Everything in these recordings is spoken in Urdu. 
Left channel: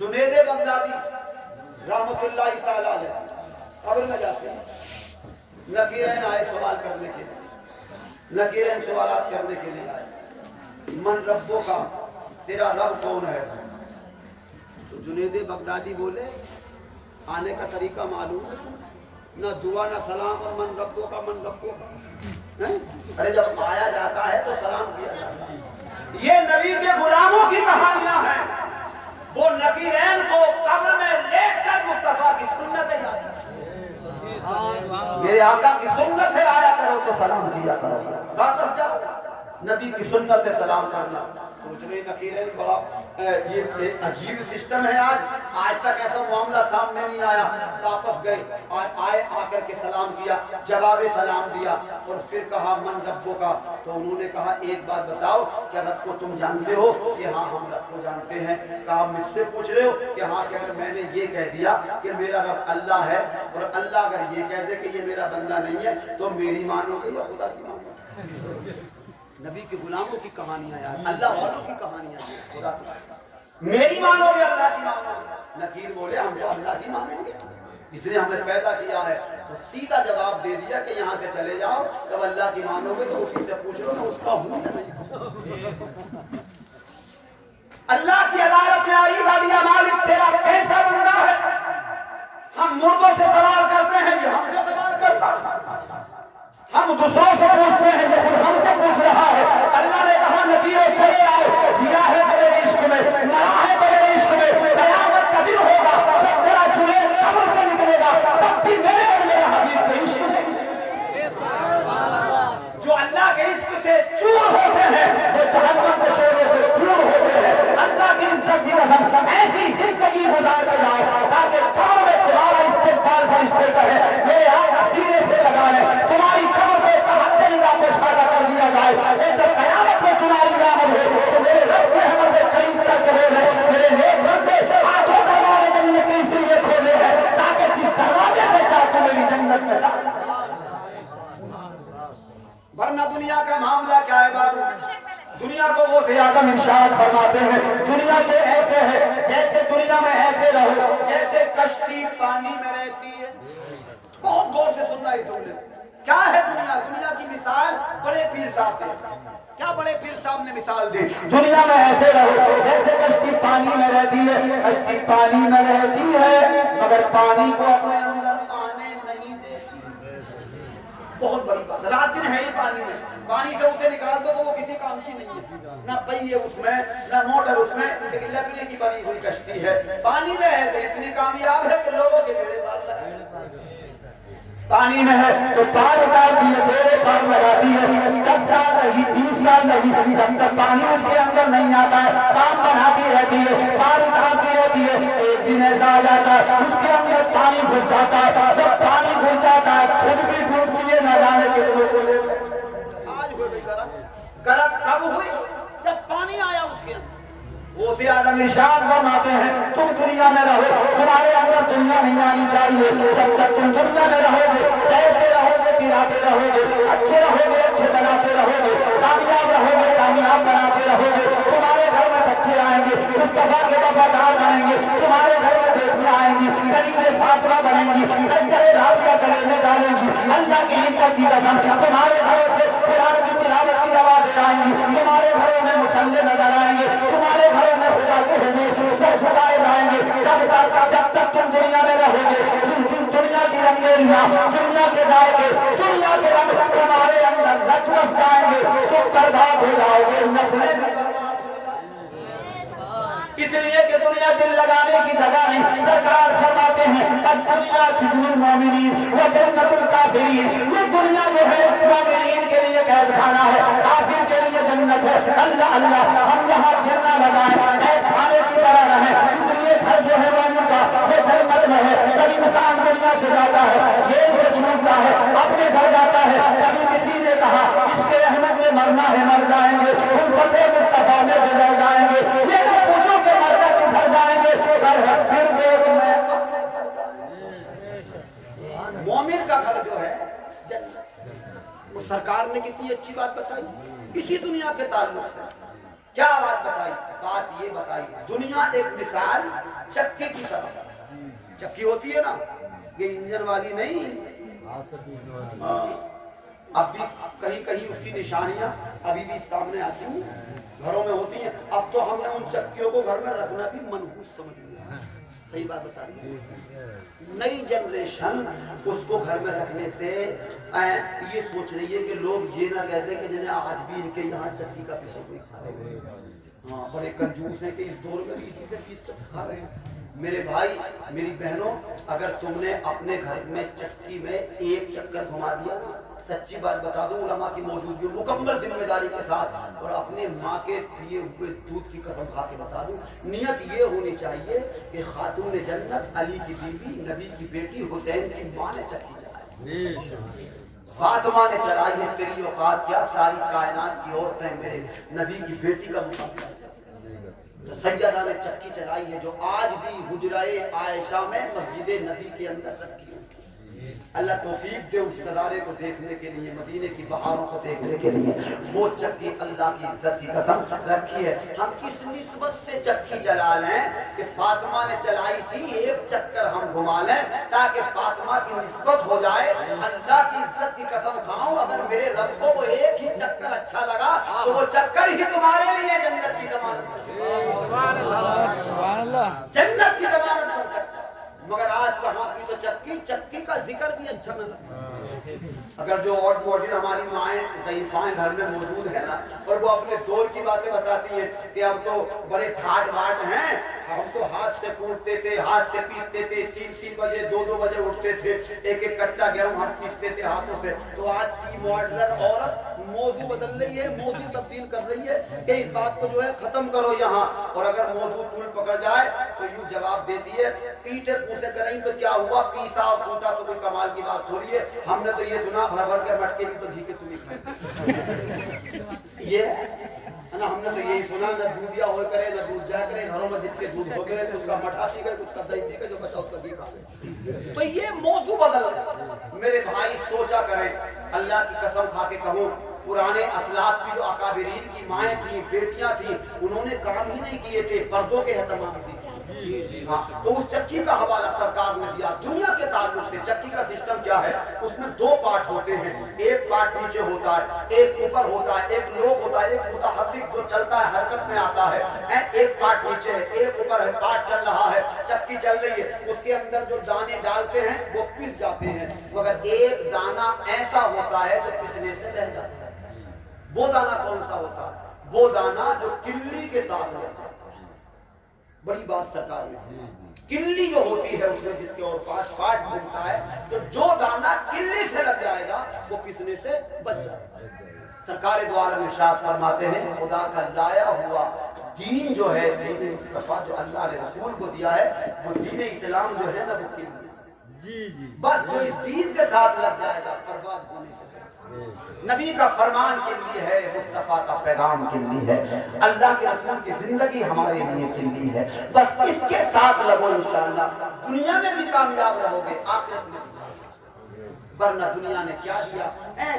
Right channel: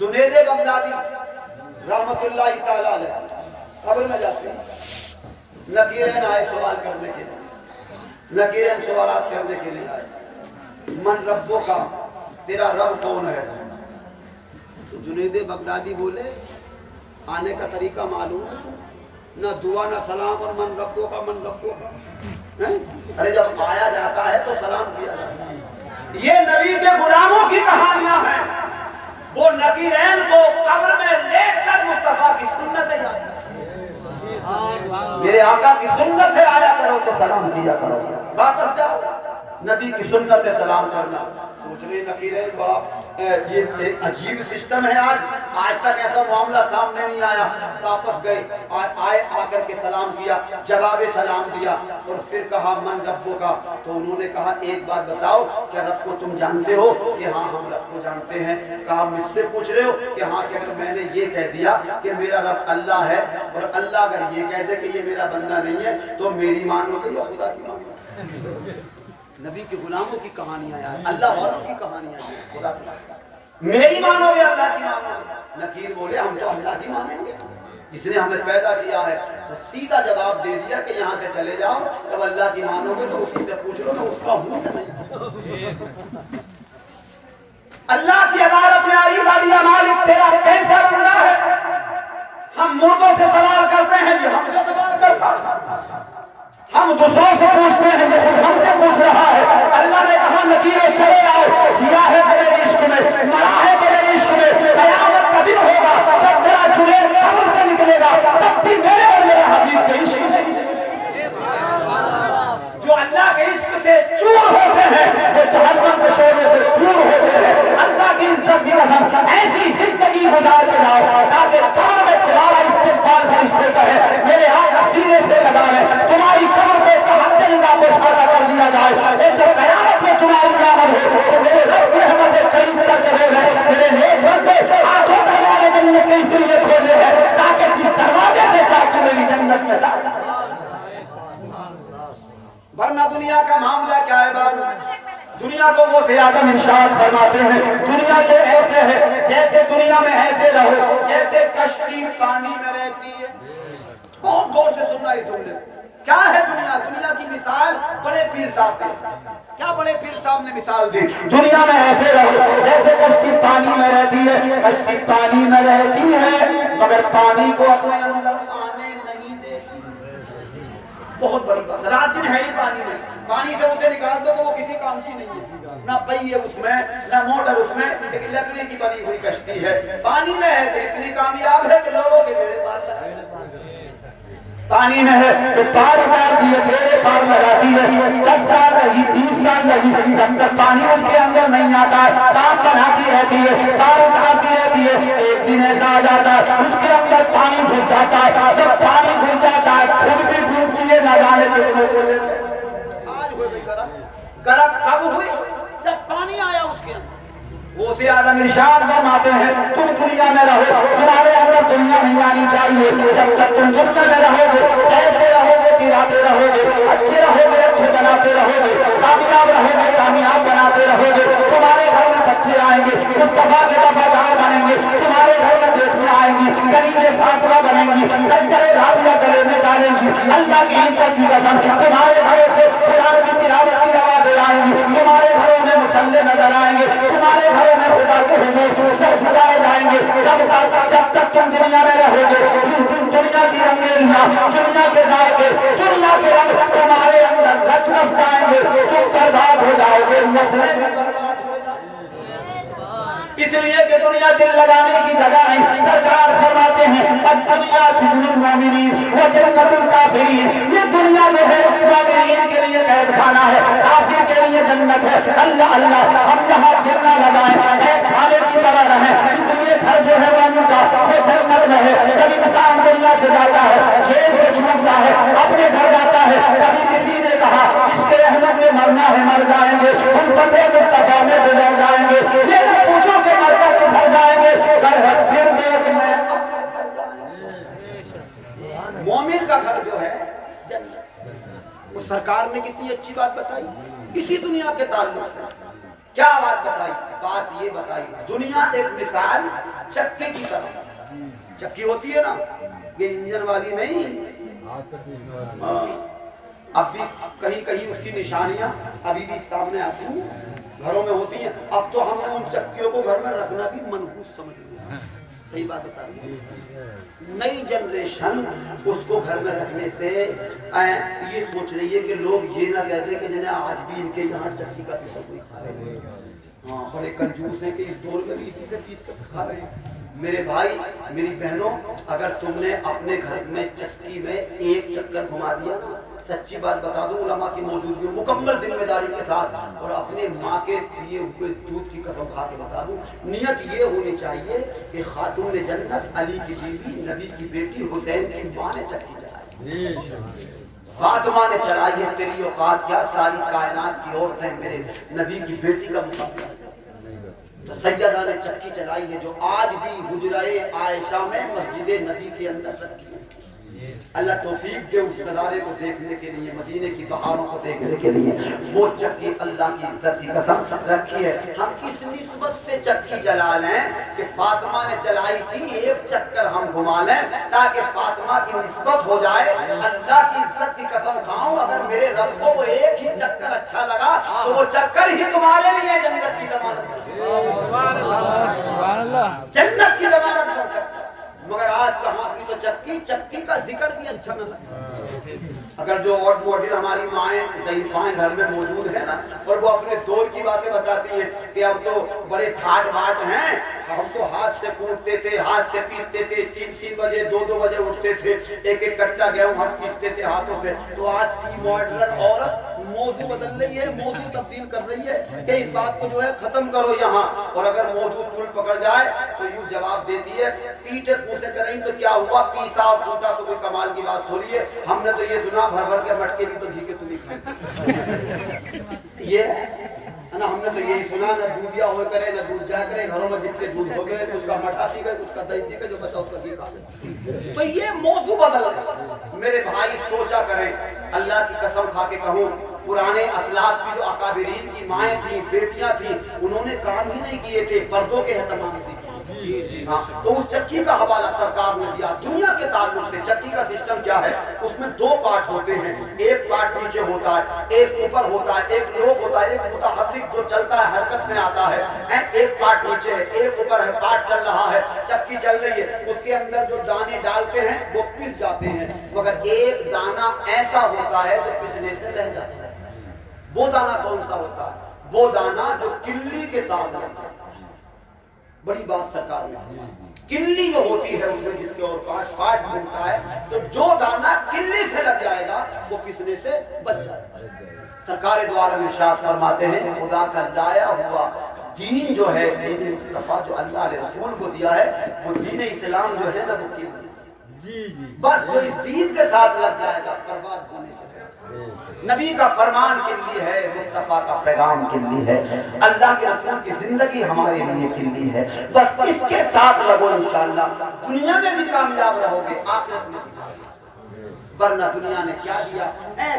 جنید بغدادی رحمت اللہ تعالی علیہ قبر میں جاتے ہیں، نکیرین آئے سوال کرنے کے لیے، نکیرین سوالات کرنے کے لیے آئے، من ربو کا، تیرا رب کون ہے؟ تو جنید بغدادی بولے آنے کا طریقہ معلوم ہے، نہ دعا نہ سلام، اور من ربو کا من ربو کا، ارے جب آیا جاتا ہے تو سلام کیا جاتا ہے۔ یہ نبی کے غلاموں کی کہانیاں ہیں، وہ نکیرین کو قبر میں لے کر مصطفیٰ کی سنت یاد کرتے، میرے آقا کی سنت سے آیا کرو تو سلام دیا کرو، واپس جاؤ نبی کی سنت سے سلام کرنا۔ دوسرے نکیرین بڑا یہ عجیب سسٹم ہے، آج تک ایسا معاملہ سامنے نہیں آیا، واپس گئے، آئے آ کر کے سلام کیا، جواب سلام دیا، اور پھر کہا من ربو کا، تو انہوں نے کہا ایک بات بتاؤ کیا رب کو تم جانتے ہو؟ کہ ہاں ہم رب کو جانتے ہیں۔ کہا مجھ سے پوچھ رہے ہو؟ کہ ہاں، کہ اگر میں نے یہ کہہ دیا کہ میرا رب اللہ ہے، اور اللہ اگر یہ کہہ دے کہ یہ میرا بندہ نہیں ہے، تو میری مانو گے یا خدا کی مانو گے؟ نبی کے غلاموں کی کہانیاں یار، اللہ والوں کی کہانیاں یہ خدا کی، میری مانو گے اللہ کی مانو گے؟ نکیر بولے ہم تو اللہ کی مانیں گے، جس نے ہمیں پیدا کیا ہے۔ تو سیدھا جواب دے دیا کہ یہاں سے چلے جاؤ، جب اللہ کی مانو گے تو اسی سے پوچھ لو، میں اس کا ہوں یا نہیں۔ اللہ کی عدالت میں آئی دادی مالک تیرا کیسا بندہ ہے؟ ہم مردوں سے سوال کرتے ہیں جو ہم سے سوال کرتا ہے، ہم دوسروں سے پوچھتے ہیں جو ہم سے پوچھ رہا ہے۔ اللہ نے کہا نکیرے چلے آؤ، جیا ہے تیرے عشق میں، مرا ہے تیرے عشق میں، قیامت کا دن ہوگا جب تیرا جنید قبر سے نکلے گا، تب بھی میرے اور میرے حبیب کے عشق میں جو اللہ کے عشق سے چور ہوتے ہیں، وہ جہنم کے شعلے سے دور ہوتے ہیں۔ اللہ کی عزت کی قسم ایسی زندگی گزار کے جاؤ تاکہ قبر میں تمہارا استقبال فرشتے کہے میرے آقا سینے سے لگا لے، تمہاری قبر کو تہجدہ کو چھاتا کر دیا جائے، جب قیامت میں تمہاری آمد ہو تو میرے رب کی رحمت قریب تک رہے گا، میرے نیک بندے ہاتھوں دروازے جنت کے اس لیے کھولے ہیں تاکہ جس دروازے سے چاہ تو میری جنت میں داخل۔ ورنہ دنیا کا معاملہ کیا ہے بابو؟ دنیا کو وہ اعظم ارشاد فرماتے ہیں دنیا کے ایسے ہے جیسے دنیا میں ایسے رہو جیسے کشتی پانی میں رہتی ہے۔ بہت غور سے سننا اس جملے میں، کیا ہے دنیا؟ دنیا کی مثال بڑے پیر صاحب نے، کیا بڑے پیر صاحب نے مثال دی؟ دنیا میں ایسے رہو جیسے کشتی پانی میں رہتی ہے، کشتی پانی میں رہتی ہے مگر پانی کو اپنے اندر آنے نہیں دیتی۔ بہت بڑی بات، رات دن ہے ہی پانی میں، پانی سے اسے نکال دو تو وہ کسی کام کی نہیں ہے، نہ پہیے اس میں نہ موٹر اس میں، ایک لکڑی کی بنی ہوئی کشتی ہے، پانی میں ہے تو اتنی کامیاب ہے کہ لوگوں کے بیڑے پار لگائے، پانی میں ہے تو پار اتار دیے بیڑے پار لگاتی ہے، 10 سال رہی 20 سال رہی، جب تک پانی اس کے اندر نہیں آتا ہے کام بناتی رہتی ہے، پار اتارتی رہتی ہے، ایک دن ایسا آ جاتا ہے اس کے اندر پانی گھس جاتا ہے، جب پانی گھس جاتا ہے خود بھی ڈوبتی ہے نہ جانے آج ہوئے بھائی گرم کب ہوئی؟ جب پانی آیا اس کے اندر۔ وہ سے آدم ارشاد فرماتے ہیں تم دنیا میں رہو، تمہارے اندر دنیا نہیں آنی چاہیے، جب تک تم دنیا میں رہو گے کہتے رہو گے گراتے رہو گے، اچھے رہو گے اچھے بناتے رہو گے، کامیاب رہو گے کامیاب بناتے رہو گے، تمہارے گھر میں بچے آئیں گے مصطفیٰ کے وفادار بنیں گے، تمہارے گھر میں بیٹیاں آئیں گی غریب فاطمہ بنیں گی، کنجر رابعہ گلے میں ڈالیں گی، اللہ کی عزت کی قسم تمہارے گھروں سے قرآن کی تلاوت کی آوازیں آئیں گی، تمہارے گھروں میں مصلی نظر آئیں گے، تمہارے گھروں میں خدا کے حضور سر جھکائے جائیں گے، جب تک تم دنیا میں رہو گے دنیا کی انگیریاں دنیا کے ذائقے دنیا کے رنگ تمہارے اندر رچ بس جائیں گے، تم برباد ہو جاؤ گے، نسلیں اس لیے کہ دنیا دل لگانے کی جگہ نہیں۔ سرکار فرماتے ہیں الدنیا سجن المومنین و جنت الکافرین، یہ دنیا جو ہے مومنین کے لیے قید خانہ ہے، کافر کے لیے جنت ہے۔ اللہ اللہ ہم یہاں دل نہ لگائیں، قید خانے کی طرح رہیں، اس لیے گھر جو ہے مومن کا وہ جنت میں ہے۔ جب انسان دنیا سے جاتا ہے جیل سے چھوٹتا ہے اپنے گھر جاتا ہے، کبھی کسی نے کہا اس کے احمد میں مرنا ہے مر جائیں گے، الفت مصطفیٰ میں گزر جائیں گے، یہ نہ پوچھو کہ مر کر گھر جائیں گے، گھر ہے پھر دیکھ میں مومن کا گھر جو ہے جنت۔ وہ سرکار نے کتنی اچھی بات بتائی اسی دنیا کے تعلق سے، کیا بات بتائی؟ بات یہ بتائی، دنیا ایک مثال چکے کی طرح، چکی ہوتی ہے نا یہ انجن والی نہیں، اب بھی کہیں کہیں اس کی نشانیاں ابھی بھی سامنے آتی ہیں، گھروں میں ہوتی ہیں۔ اب تو ہم نے ان چکیوں کو گھر میں رکھنا بھی منحوس سمجھ لیا، صحیح بات بتا رہی ہے۔ نئی جنریشن اس کو گھر میں رکھنے سے یہ سوچ رہی ہے کہ لوگ یہ نہ کہتے کہ جنہیں آج بھی ان کے یہاں چکی کا پیسہ کوئی کھا رہے ہیں، ہاں بڑے کنجوس ہیں کہ اس دور میں بھی اسی سے پیس کر کھا رہے ہیں۔ میرے بھائی میری بہنوں، اگر تم نے اپنے گھر میں چکی میں ایک چکر گھما دیا، سچی بات بتا دوں، علماء کی موجودگی مکمل ذمہ داری کے ساتھ اور اپنے ماں کے پیے ہوئے دودھ کی قسم کھا کے بتا دوں، نیت یہ ہونی چاہیے کہ خاتون جنت علی کی بیوی نبی کی بیٹی حسین کی ماں نے چکی چلائی، فاطمہ نے چلائی ہے، تیری اوقات کیا، ساری کائنات کی عورتیں میرے نبی کی بیٹی کا مقابلہ۔ تو سیدہ نے چکی چلائی ہے جو آج بھی حجرہ عائشہ میں مسجد نبی کے اندر رکھی ہے۔ اللہ توفیق دے اس نظارے کو دیکھنے کے لیے، مدینے کی بہاروں کو دیکھنے کے لیے، وہ چکی اللہ کی عزت کی قسم رکھی ہے۔ ہم کس نسبت سے چکی چلا لیں کہ فاطمہ نے چلائی تھی، ایک چکر ہم گھما لیں تاکہ فاطمہ کی نسبت ہو جائے۔ اللہ کی عزت کی قسم کھاؤں، اگر میرے رب کو وہ ایک ہی چکر اچھا لگا تو وہ چکر ہی تمہارے لیے جنت کی ضمانت، جنت کی ضمانت کر سکتا۔ مگر آج کہاں کی تو چکی کا ذکر بھی اچھا نہ لگتا۔ اگر جو اور موڈل ہماری مائیں ضعیفائیں گھر میں موجود ہیں نا، اور وہ اپنے دور کی باتیں بتاتی ہیں کہ اب تو بڑے ٹھاٹ باٹ ہیں، ہم تو ہاتھ سے کوٹتے تھے، ہاتھ سے پیستے تھے، 3 بجے 2 بجے اٹھتے تھے، ایک کٹا گیہوں ہم پیستے تھے ہاتھوں سے۔ تو آج کی ماڈرن عورت موضوع بدل رہی ہے، موضوع تبدیل کر رہی ہے کہ اس بات کو جو ہے ختم کرو یہاں، اور اگر موضوع طول پکڑ جائے تو یوں جواب دیتی ہے، پیٹے پوسے کریں تو کیا ہوا، پیسا اور ٹوٹا تو کوئی کمال کی بات تھوڑی ہے، ہم نے تو یہ سنا بھر بھر کے مٹکے بھی تو گھی کے تلی کھائے، یہ ہے نا، ہم نے تو یہی سنا، نہ دودھیا ہوئے کرے نہ دودھ جائے کرے، گھروں میں جتنے دودھ ہو گئے کچھ کا مٹھا پی گئے، کچھ کا دہی پی گئے، جو بچا اس کا گھی کھا گئے۔ تو یہ موضوع بدل گیا۔ میرے بھائی سوچا کریں، اللہ کی قسم کھا کے کہوں، پرانے اسلاف کی جو اکابرین کی مائیں تھیں، بیٹیاں تھیں، انہوں نے کام ہی نہیں کیے تھے، پردوں کے اہتمام دی۔ تو اس چکی کا حوالہ سرکار نے دیا۔ دنیا کے تعلق سے چکی کا سسٹم کیا ہے، اس میں 2 پارٹ ہوتے ہیں، ایک پارٹ نیچے ہوتا ہے، ایک اوپر ہوتا ہے، ایک لوک ہوتا ہے، ایک متحرک جو چلتا ہے حرکت میں آتا ہے، ایک پارٹ نیچے ہے، ایک اوپر ہے، پارٹ چل رہا ہے، چکی چل رہی ہے، اس کے اندر جو دانے ڈالتے ہیں وہ پس جاتے ہیں، مگر ایک دانہ ایسا ہوتا ہے جو پسنے سے رہ جاتا ہے۔ وہ دانہ کون سا ہوتا ہے؟ وہ دانہ جو کلی کے ساتھ رہ جاتا ہے۔ بڑی بات سرکار نے، کلی جو ہوتی ہے اس میں جس کے اور پارٹ گھومتا ہے، تو جو دانہ کلی سے لگ جائے گا وہ پسنے سے بچ جائے گا۔ سرکار دو عالم ارشاد فرماتے ہیں، خدا کا لایا ہوا دین جو ہے، دین مصطفیٰ جو اللہ نے رسول کو دیا ہے، وہ دین اسلام جو ہے نا وہ کلی، بس جو اس دین کے ساتھ لگ جائے گا برباد ہونے سے۔ نبی کا فرمان کلی ہے، مصطفیٰ کا پیغام کلی ہے، اللہ کے رسول کی زندگی ہمارے لیے کلی ہے، بس اس کے ساتھ لگو انشاءاللہ، دنیا میں بھی کامیاب رہو گے، آخرت میں بھی۔ ورنہ دنیا نے کیا دیا،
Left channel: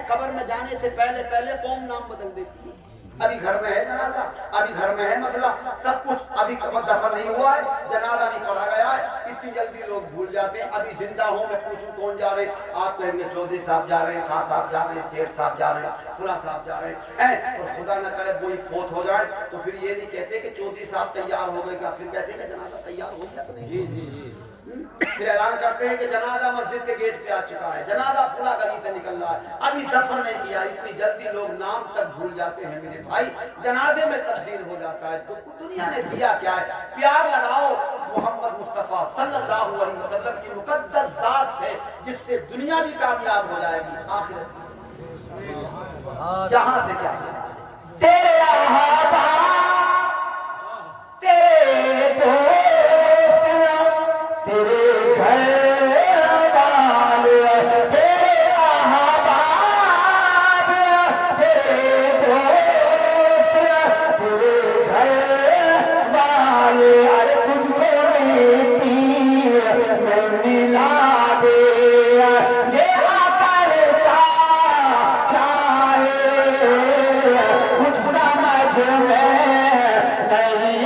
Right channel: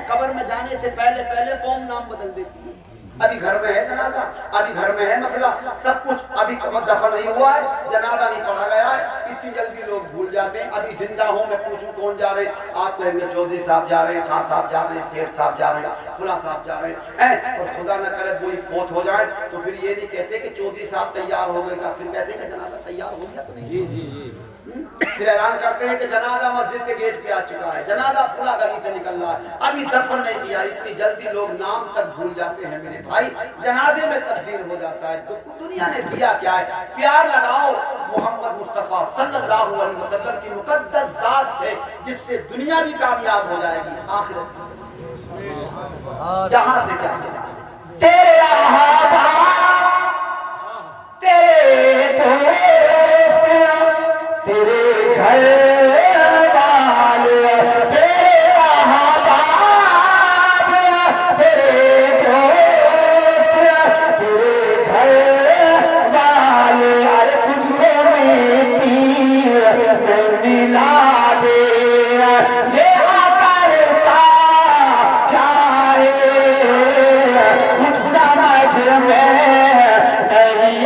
قبر میں جانے سے پہلے قوم نام بدل دیتی ہے، ابھی گھر میں ہے جنازہ، ابھی گھر میں ہے مسئلہ، سب کچھ ابھی دفن نہیں ہوا ہے، جنازہ نہیں پڑھا گیا ہے، اتنی جلدی لوگ بھول جاتے ہیں۔ ابھی زندہ ہوں میں پوچھوں کون جا رہے ہیں، آپ کہیں گے چودھری صاحب جا رہے ہیں، خان صاحب جا رہے ہیں، سیٹھ صاحب جا رہے ہیں، فلاں صاحب جا رہے ہیں، اور خدا نہ کرے کوئی فوت ہو جائے تو پھر یہ نہیں کہتے کہ چودھری صاحب تیار ہو گئے گا، پھر کہتے ہیں کہ جنازہ تیار ہو گیا تو نہیں، جی پھر اعلان کرتے ہیں کہ جنازہ مسجد کے گیٹ پہ آ چکا ہے، جنازہ فلاں گلی سے نکل رہا ہے، ابھی دفن نہیں کیا۔ اتنی جلدی لوگ نام تک بھول جاتے ہیں میرے بھائی، جنازے میں تبدیل ہو جاتا ہے۔ تو دنیا نے دیا کیا ہے، پیار لگاؤ محمد مصطفیٰ صلی اللہ علیہ وسلم کی مقدس ذات سے، جس سے دنیا بھی کامیاب ہو جائے گی، آخرت بھی۔ جہاں سے کیا تیرے احباب، تیرے دوست، تیرے گھر والے، تیرے احباب، تیرے دوست، تیرے گھر والے، ارے تجھ کو مٹی میں ملا دے، یہ کرتا کیا ہے کچھ سمجھ میں نہیں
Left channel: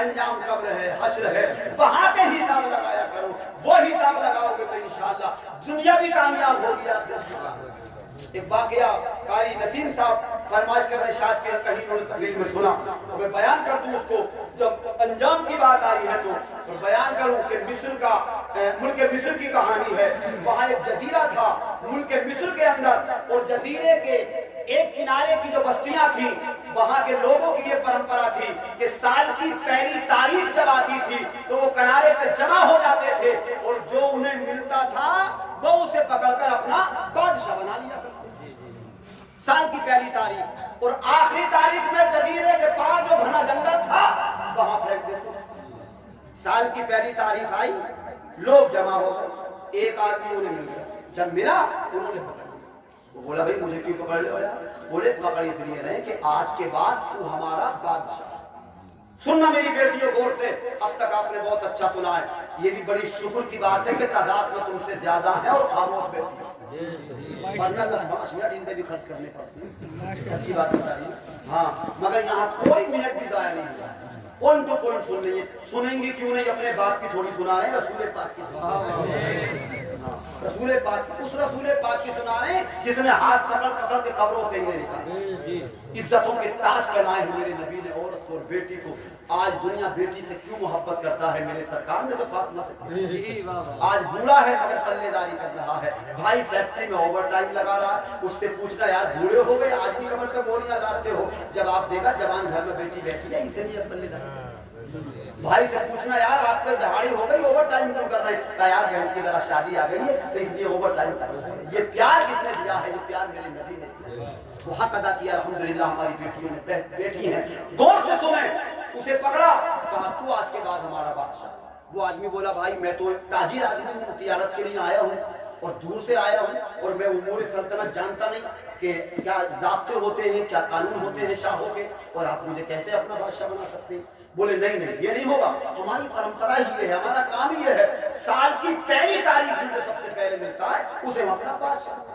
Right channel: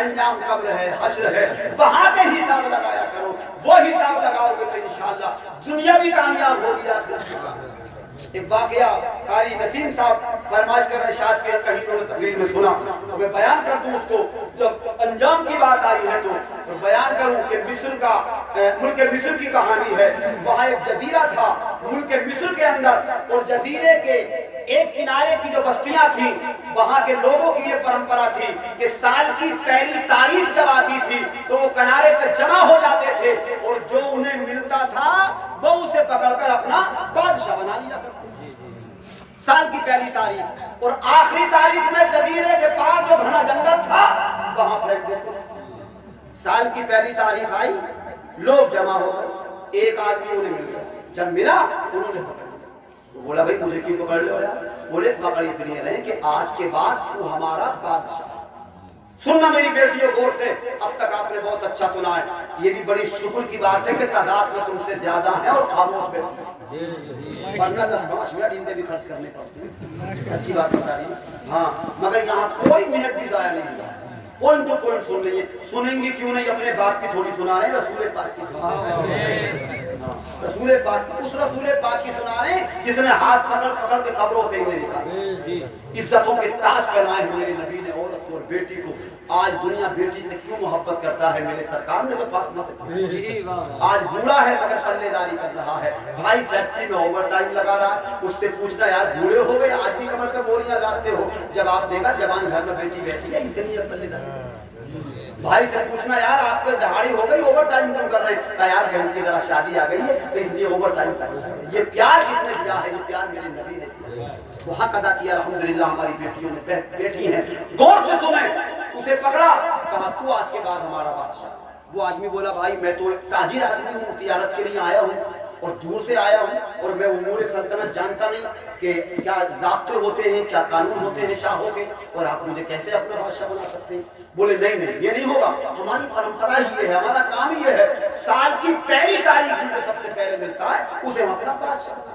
انجام قبر ہے، حشر ہے، وہاں کے حساب لگایا کرو. وہ حساب لگاؤ گے تو انشاءاللہ دنیا بھی کامیاب ہوگی، آخرت بھی کامیاب. ایک واقعہ قاری نسیم صاحب فرمائش کر رہے ارشاد کے کہیں انہوں نے تقریر میں سنا تو میں بیان کر دوں اس کو. جب انجام کی بات آئی ہے تو بیان کروں کہ مصر کا ملک مصر کی کہانی ہے. وہاں ایک جزیرہ تھا ملک مصر کے اندر، اور جزیرے کے ایک کنارے کی جو بستیاں تھیں وہاں کے لوگوں کی یہ پرمپرا تھی کہ سال کی پہلی تاریخ جب آتی تھی تو وہ کنارے پہ جمع ہو جاتے تھے، اور جو انہیں ملتا تھا وہ اسے پکڑ کر اپنا بادشاہ بنا لیا کرتے تھے. سال کی پہلی تاریخ، اور آخری تاریخ میں جزیرے کے پاس جو گھنا جنگل تھا وہاں پھینک دیتے. سال کی پہلی تاریخ آئی، لوگ جمع ہو گئے، ایک آدمی انہیں مل گیا. جب ملا انہوں نے پکڑ لیا. وہ بولا بھائی مجھے کیوں پکڑ لے ہو یار؟ بولے پکڑ اس لیے رہے کہ آج کے بعد تو ہمارا بادشاہ. سننا میری بیٹیوں غور سے، اب تک آپ نے بہت اچھا سنا ہے. یہ بھی بڑی شکر کی بات ہے کہ تعداد میں تم سے زیادہ ہیں اور خاموش بیٹھے ہیں، ورنہ 10 منٹ ان پہ بھی خرچ کرنے پڑتے ہیں. اچھی بات بتا رہی ہے ہاں، مگر یہاں کوئی منٹ بھی ضائع نہیں ہوا. پوائنٹ ٹو پوائنٹ سن لیں. سنیں گی کیوں نہیں؟ اپنے باپ کی تھوڑی سنا رہے ہیں، رسول پاک کی رسول پاک، اس رسول پاک کی سنا رہے ہیں جس نے ہاتھ پکڑ پکڑ کے قبروں سے انہیں نکالا. عزتوں کے تاج پہنائے ہیں میرے نبی نے عورت کو اور بیٹی کو. آج دنیا بیٹی سے کیوں محبت کرتا ہے؟ میرے سرکار نے تو فاطمہ سے. آج بوڑھا ہے مگر پلے داری کر رہا ہے. بھائی فیکٹری میں اوور ٹائم لگا رہا ہے، اس سے پوچھنا یار بوڑھے ہو گئے آج بھی کمر پہ بوریاں لاتے ہو؟ جب آپ دیکھا جوان گھر میں بیٹی بیٹھی ہے اتنی پلے داری. بھائی سے پوچھنا یار آپ کے دہاڑی ہو گئی اوور ٹائم کیوں کر رہے ہیں؟ کہا یار بہن کی ذرا شادی آ گئی ہے تو اس لیے اوور ٹائم کر رہے ہیں. یہ پیار کس نے دیا ہے؟ یہ پیار میرے نبی نے دیا. وہ حق ادا کیا الحمدللہ. ہماری بیٹیوں نے بیٹھی ہیں، غور سے سنیں. اسے پکڑا، کہا تو آج کے بعد ہمارا بادشاہ. وہ آدمی بولا بھائی میں تو تاجر آدمی ہوں، تجارت کے لیے آیا ہوں اور دور سے آیا ہوں، اور میں امور سلطنت جانتا نہیں کہ کیا ضابطے ہوتے ہیں، کیا قانون ہوتے ہیں شاہوں کے، اور آپ مجھے کیسے اپنا بادشاہ بنا سکتے ہیں؟ بولے نہیں نہیں یہ نہیں ہوگا، ہماری پرمپرا ہی یہ ہے، ہمارا کام ہی یہ ہے، سال کی پہلی تاریخ میں جو سب سے پہلے ملتا ہے اسے ہم اپنا بادشاہ بنا.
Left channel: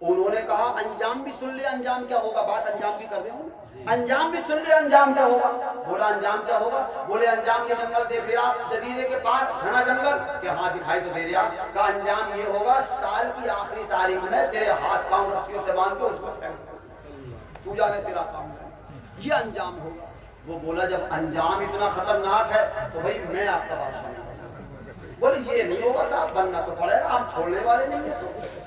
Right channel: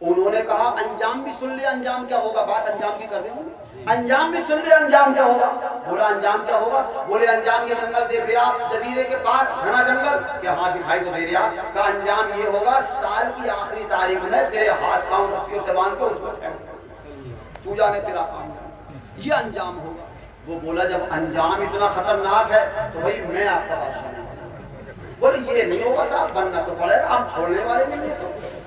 انہوں نے کہا انجام بھی سن لے. انجام کیا ہوگا؟ بات انجام کی کر رہے ہوں. انجام بھی سن لے، انجام کیا ہوگا؟ بولا انجام کیا ہوگا؟ بولے انجام یہ جنگل دیکھ رہے آپ جزیرے کے پاس گھنا جنگل، کیا ہاں دکھائی تو دے رہے آپ؟ کہا انجام یہ ہوگا سال کی آخری تاریخ میں تیرے ہاتھ پاؤں رسیوں سے باندھ کے اس کو پھینک، تو جانے تیرا کام جانے، یہ انجام ہوگا. وہ بولا جب انجام اتنا خطرناک ہے تو بھائی میں آپ کا بادشاہ نہیں. بولے یہ نہیں ہوگا صاحب، بننا تو پڑے گا، ہم چھوڑنے والے نہیں ہیں.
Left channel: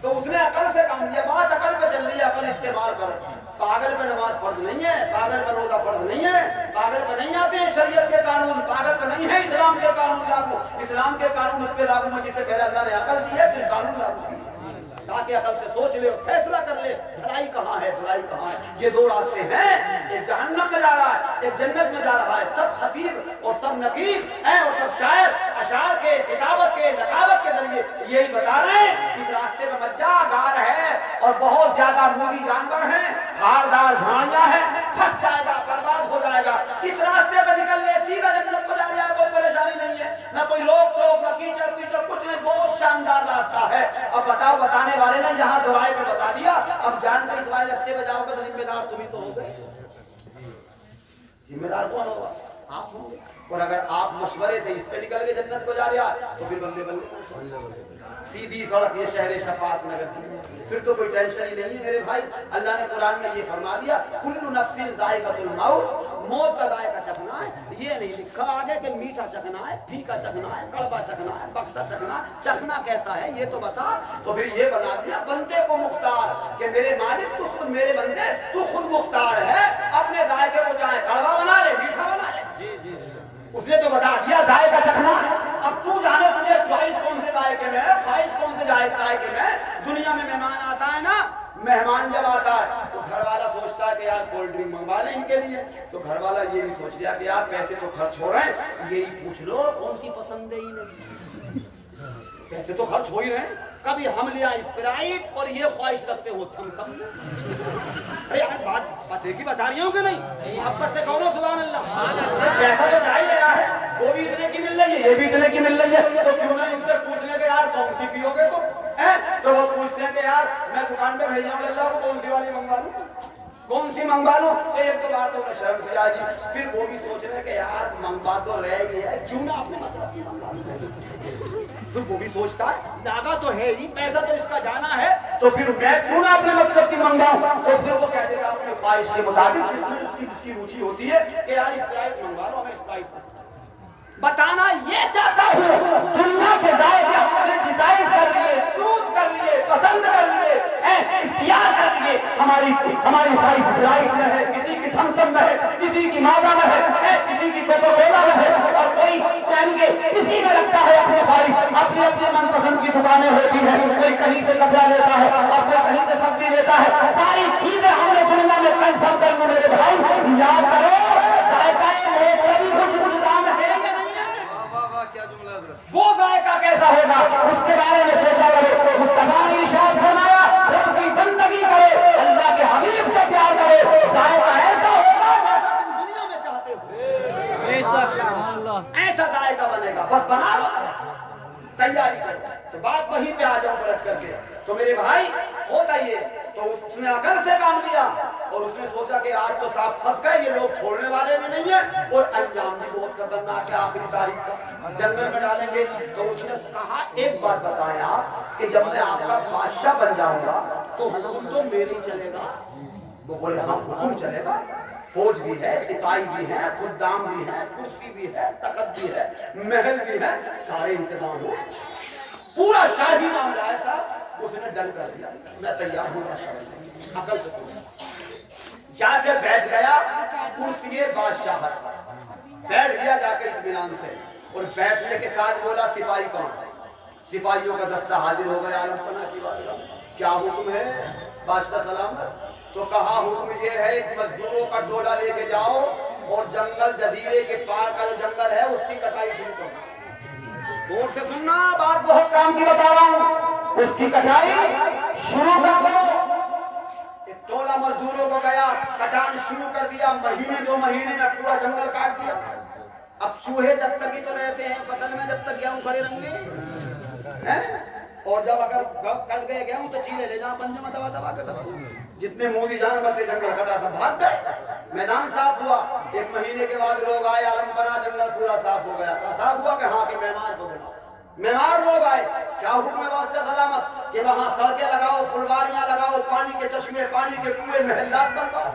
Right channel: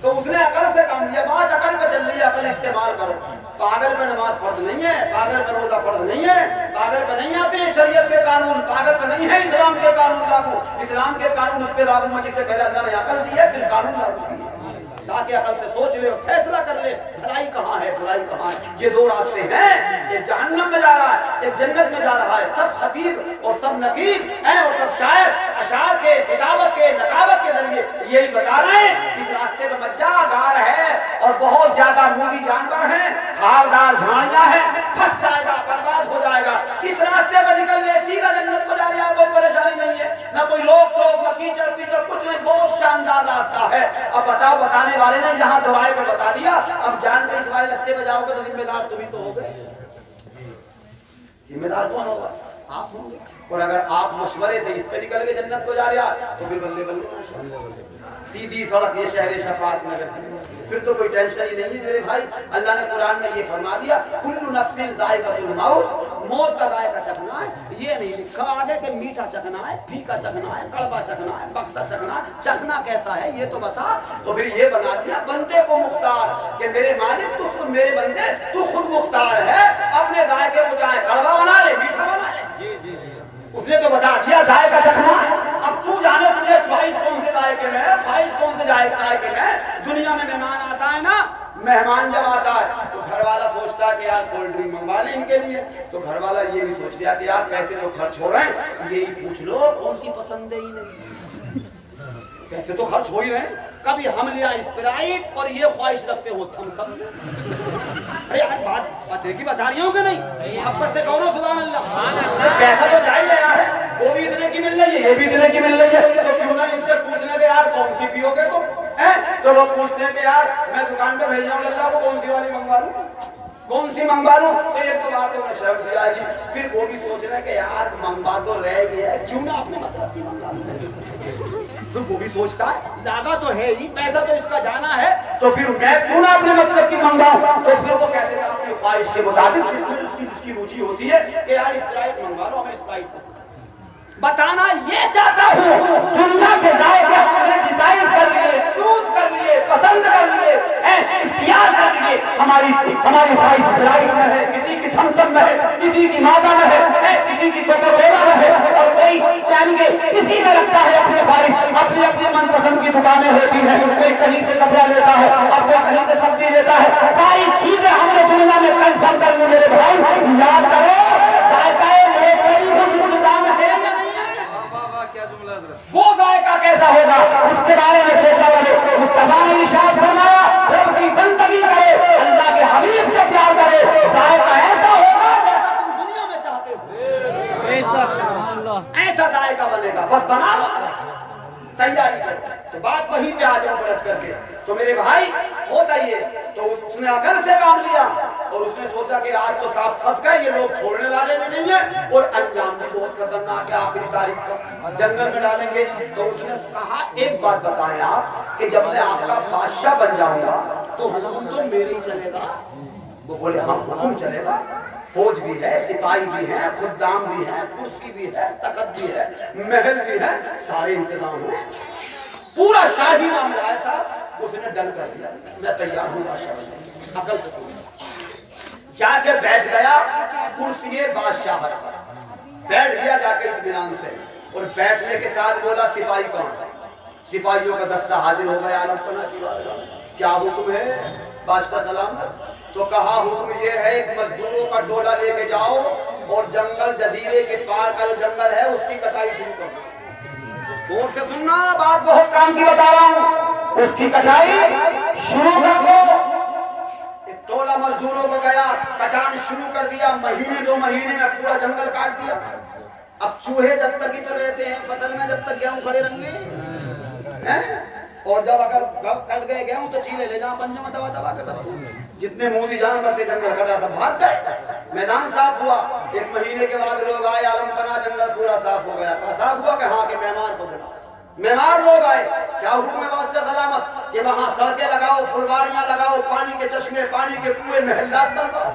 تو اس نے عقل سے کام لیا. بات عقل پہ چل رہی ہے، عقل استعمال کرو. پاگل پہ نماز فرض نہیں ہے، پاگل پہ روزہ فرض نہیں ہے، پاگل پہ نہیں آتے ہیں شریعت کے قانون، پاگل پہ نہیں ہے اسلام کے قانون لاگو. اسلام کے قانون اس پہ لاگو ہیں جس سے پہلے اللہ نے عقل دی ہے پھر قانون لاگو کیے، تاکہ عقل سے سوچ لے اور فیصلہ کر لے بھلائی کہاں ہے برائی کہاں ہے. یہ دو راستے ہیں، ایک جہنم میں جا رہا ہے، ایک جنت میں جا رہا ہے. سب خطیب اور سب نقیب ہیں اور سب شاعر اشعار کے کتابت کے نقابت کے ذریعے یہی بتا رہے ہیں اس راستے میں مجا گار ہے اور بہت زیادہ مولی جانور ہیں، خاردار جھاڑیاں ہیں، پھنس جائے گا، برباد ہو جائے گا. اس راستے میں نکل لے سیدھا جنت کو جا رہا ہے، کوئی پریشانی نہیں ہے، نہ کوئی لوگ ٹوک نہ کیچڑ پیچڑ کچھ نہیں، بہت شاندار راستہ ہے. اب بتاؤ بتانے والے نے یہاں دوائے پہ بتا دیا، اب جان کے دوائے راستے پہ جاؤ گے تو ذمہ دار تم ہی تو ہو گئے. ذمہ دار کون ہوگا؟ آپ ہوں گے. اور اگر آپ مشورے سے اس پہ نکل کے جنت کو جا رہا ہے تو پھر بلے بلے ماشاءاللہ سیدھی سڑک یہ شہر شفاعت نگر کی، پھر تو کوئی ٹینشن ہی نہیں ہے میرے بھائی. اللہ نے قرآن میں یہ فرما دیا کل نفس ذائقۃ الموت، موت کا ذائقہ چکھنا ہے. یہ نہیں لکھا آگے کہ میٹھا چکھنا ہے، پھیکا چکھنا ہے، کڑوا چکھنا ہے، بکسا چکھنا ہے. چکھنا کیسا ہے یہ تو بتا. تو پھر یہ بنا دیا بندے کو مختار کہ میرے مالک تو خود، میرے بندے تو خود مختار ہے، اپنے ذائقے کو چاہے کڑوا بنا لے میٹھا بنا لے. جی جی جی اس نے تو بتا دیا ذائقہ چکھنا. اب تو جانے تجھے چوائس کون سے ذائقے میں ہے، خواہش کون سے ذائقے میں. دنیا میں مہمان آتا ہے نا، مہمان جب آتا ہے تو گھر والا سوچتا ہے کہ یار کولڈ ڈرنک منگوا لیں ان کے لیے، تو گھر والا یہ بھی سوچ لیا کہ یار پیسے تو خرچ ہو رہے ہیں، یہی پوچھ لو کون سی پسند ہے ہی نہیں. پیسے تو خرچ ہو ہی رہے ہیں، کبھی ہم لیا اسپرائٹ اور یہ خواہش رکھتے ہو تھمس اپ. ارے یار بات پتے کی بتا رہی ہوں کہ نہیں، محبت سے کہو سبحان اللہ. پیسہ تو جائے گا ہے، وہ بھی اتنے کی مل رہی ہے، یہ بھی اتنے کی مل رہی ہے، تو کیوں نہیں ان سے پوچھنے کے یار کون سی پیو گے تم؟ تو وہ پوچھتے ہیں کہ یار میں دکان پہ بھیج جاؤں اللہ کو کون سی والی منگوا لوں. کون سی منگوا لوں؟ ایک دو بار تو انہیں شرم دیا جی، پھر وہ بھی سوچ رہے ہیں کہ یار منگوا تو رہ گیا ہے، کیوں نہ اپنے مطلب کی منگوا لوں؟ پھر وہ بھی سوچتا ہے لاگا تو ہے ہی، پیسہ تو اس کا جانا ہے، تو پھر میں کیوں نہ اپنے مطلب کی منگواؤں؟ تو پھر وہ کہتے تھے اپنی خواہش کے مطابق جس کی روچی ہوتی ہے کہ یار اسپرائٹ منگوا لو، ہمیں اسپرائٹ پسند۔ بتانا یہ چاہتا ہوں دنیا کے ذائقے ہم نے ڈیزائن کر لیے، چوز کر لیے، پسند کر لیے، اختیار کر لیے، ہماری خواہش اسپرائٹ میں ہے، کسی کی تھمس اپ میں ہے، کسی کی مازا میں ہے، کسی کی کوکا کولا میں ہے، اور کوئی کہیں گے کسی میں لگتا ہے اپنے خواہش، اپنی اپنی من پسند کی دکانیں ہوتی ہیں، کوئی کہیں سے کپڑا لیتا ہے اور کوئی کہیں سے سبزی لیتا ہے، ساری چیزیں ہم نے دنیا میں کنفرم کر لوں میرے بھائی، یاد کرو ذائقہ موسمی کچھ انتظام ہے یا نہیں ہے؟ کیا جملہ حضرت، وہ ذائقہ کیسا ہوگا اس کے بارے میں سوچا کرے۔ مصطفیٰ نے ارشاد فرمایا رب کی بندگی کرے، اللہ کے حبیب سے پیار کرے، ذائقہ ایسا ہوگا جیسا تم دنیا میں چاہتے ہو، ایسا ذائقہ بنے گا، بس بنا لو، تیاری کرو۔ تو بات وہیں پہ آ جاؤں پلٹ کر کے، تو میرے بھائی ہوتا یہ، تو اس نے عقل سے کام لیا اور اس نے سوچا کہ آج تو صاحب پھنس گئے، یہ لوگ چھوڑنے والے بھی نہیں ہیں اور انجام بھی بہت خطرناک ہے، آخری تاریخ کا جنگل میں ڈالیں گے۔ تو اس نے کہا ایک بات بتائیں آپ کہ جب میں آپ کا بادشاہ بن جاؤں گا تو حکم تو میرے ہی چلے گا؟ وہ بولے ہاں حکم چلے گا، فوج بھی ہے، سپاہی بھی ہیں، خدام بھی ہیں، کرسی بھی ہے، تخت بھی ہے، محل بھی ہے، سارے انتظام ہیں، پورا شاہی معاملہ ہے صاحب۔ اس نے ڈن کر دیا میں تیار ہوں بادشاہ، عقل سے سن جا کے بیٹھ گیا کرسی بادشاہت پر، بیٹھ گیا جا کے اطمینان سے، اور بیٹھنے کے ساتھ بولا سپاہی کون؟ سپاہیوں کا دستہ حاضر ہو گیا عالم پناہ کی بارگاہ، کیا حکم ہے بادشاہ سلامت؟ تو کہا حکم یہ ہے ایک مزدوروں کا ڈولا لے کے جاؤ اور جنگل جزیرے کے پار کا جو جنگل ہے اس کی کٹائی شروع کرو۔ غور سے سننا، بات بہت کام کی بتا رہا ہوں، اس کی کٹائی شروع کر دو۔ ایک ٹولہ مزدوروں کو گیا، کٹائی شروع کر دیا، مہینے دو مہینے میں پورا جنگل کاٹ دیا۔ اب چوہے جب تک ہی تو رہتے ہیں فصل میں، جب تک گیہوں کھڑے رنگے، اور جب اگر کٹ گئے گیہوں تو چیلے لے جاؤ پنجے میں دبا دبا کے دبا، جتنے مولی جانور تھے جنگل کٹا سب بھاگ گئے، میدان صاف ہوا۔ ایک مہینے کے بعد لوگ آئے، عالم پناہ جنگل پورا صاف ہو گیا، صاف ہوا کہ ہاں کہ مہمان کو بلاؤ۔ مہمان لوگ آئے، کیا حکم ہے بادشاہ سلامت کہ وہاں سڑکیں لگاؤ، پھلواریاں لگاؤ، پانی کے چشمے، پانی کے کنویں، محلات بنواؤ۔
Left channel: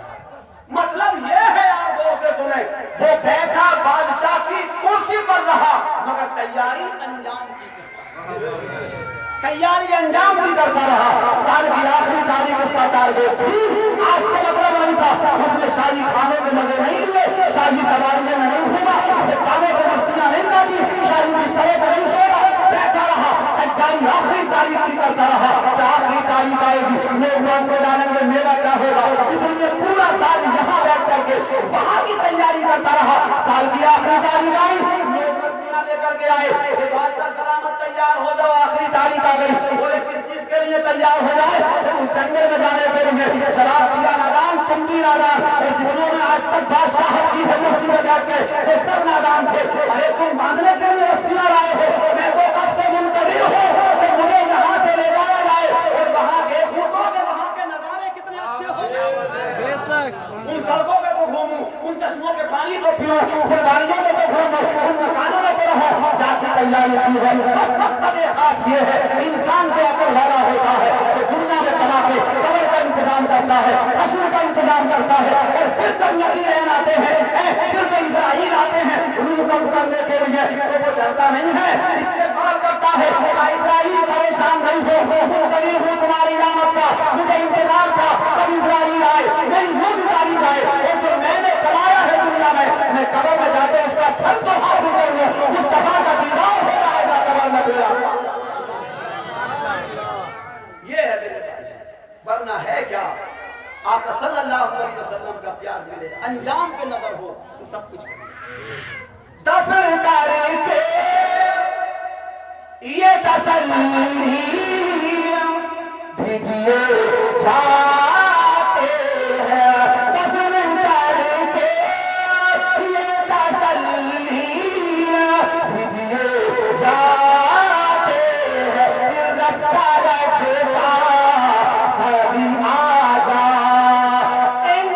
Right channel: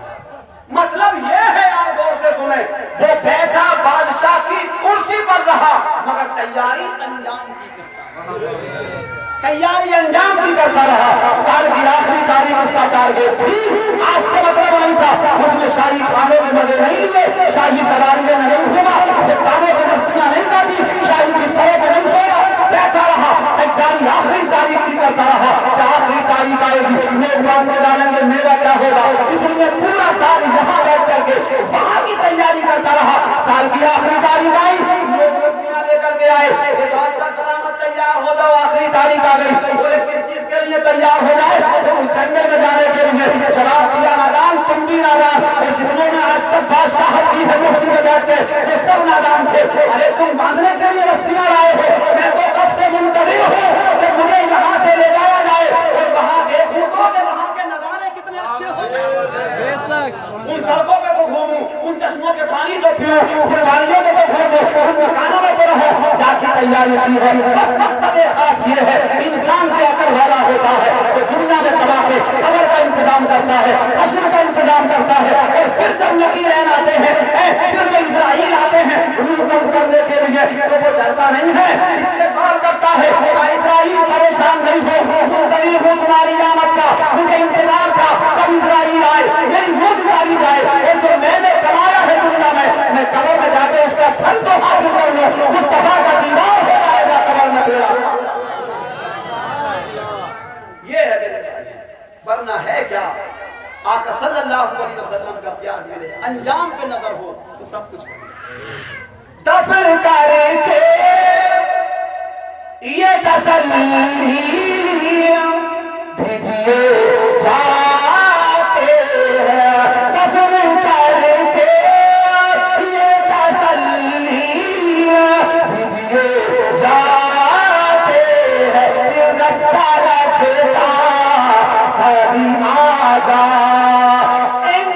مطلب یہ ہے آپ غور سے سنیں، وہ بیٹھا بادشاہ کی کرسی پر رہا مگر تیاری انجام کی کرتا، تیاری انجام بھی کرتا رہا۔ سال کی آخری تاریخ اس کا ٹارگیٹ تھی، آج کا مطلب نہیں تھا اس نے شاہی کھانے میں مزے نہیں لیے، شاہی تدارکے میں نہیں گھوما، کھانے کو مستیاں نہیں کاٹی، شاہی بسترے پہ نہیں سویا، بیٹھا رہا، تیاری آخری تاریخ کی کرتا رہا کہ آخری تاریخ آئے گی، میزبان کو ڈالیں گے، میرا کیا ہوگا؟ اس نے پورا سال یہاں بیٹھ کر کے وہاں کی تیاری کرتا رہا۔ سال کی آخری تاریخ آئی، لوگ مستیاں لے کر کے آئے، بادشاہ سلامت تیار ہو جاؤ، آخری تاریخ آ گئی۔ بولے کس چیز کے لیے تیار ہو جائے؟ جنگل میں جانے کے لیے۔ جواب دیا نادان، تم بھی نادان، اور جنہوں نے آج تک بادشاہت کی ہے مفتی میں بیٹھ کے وہ سب نادان تھے۔ ارے تم باندھنے کے لیے رسیاں لائے ہو، میں تو کب سے منتظر ہوں کہ مجھے یہاں سے لے جایا جائے اور وہاں دیکھوں تو کہ وہاں کے نظارے کتنے اچھے ہو جائیں، ان سڑکوں پہ تو گھوموں، ان چشموں کے پانی تو پیوں، پھلواریوں میں تو گھوموں، ان مکانوں میں تو رہو، جا کی تیاری کی ہے۔ مقصد خاص یہ ہے انسان سے عقل والا ہوتا ہے تو دنیا میں کما کے قبر کا انتظام کرتا ہے، حشر کا انتظام کرتا ہے، اور پھر جب نبیین آتے ہیں، پھر جو اسرائیل آتے ہیں روح کم کرنے کے لیے تو وہ ڈرتا نہیں ہے، استقبال کرتا ہے کہ اسرائیل پریشان نہیں ہو، منتظر ہوں تمہاری آمد کا، مجھے انتظار تھا کب اسرائیل آئے، میری موت ڈالی جائے، اور جو میں نے کمایا ہے دنیا میں قبر میں جا کے اس کا پھل تو حاصل کر لوں، مصطفیٰ کا دیدار ہو جائے گا قبر میں میرا۔ یہ ہے میرے بھائی، ورنہ ہے کیا؟ آقا صلی اللہ علیہ وسلم کا پیار ملے، انجام پہ نظر ہو تو سب کچھ بنے۔ دفن کر کے یہ تسلی بھیجیے جاتے ہیں، دفن کر کے یہ تسلی بھیجیے جاتے ہیں، رستہ رکھتا سبھی آ جا، ان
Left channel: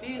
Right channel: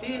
3,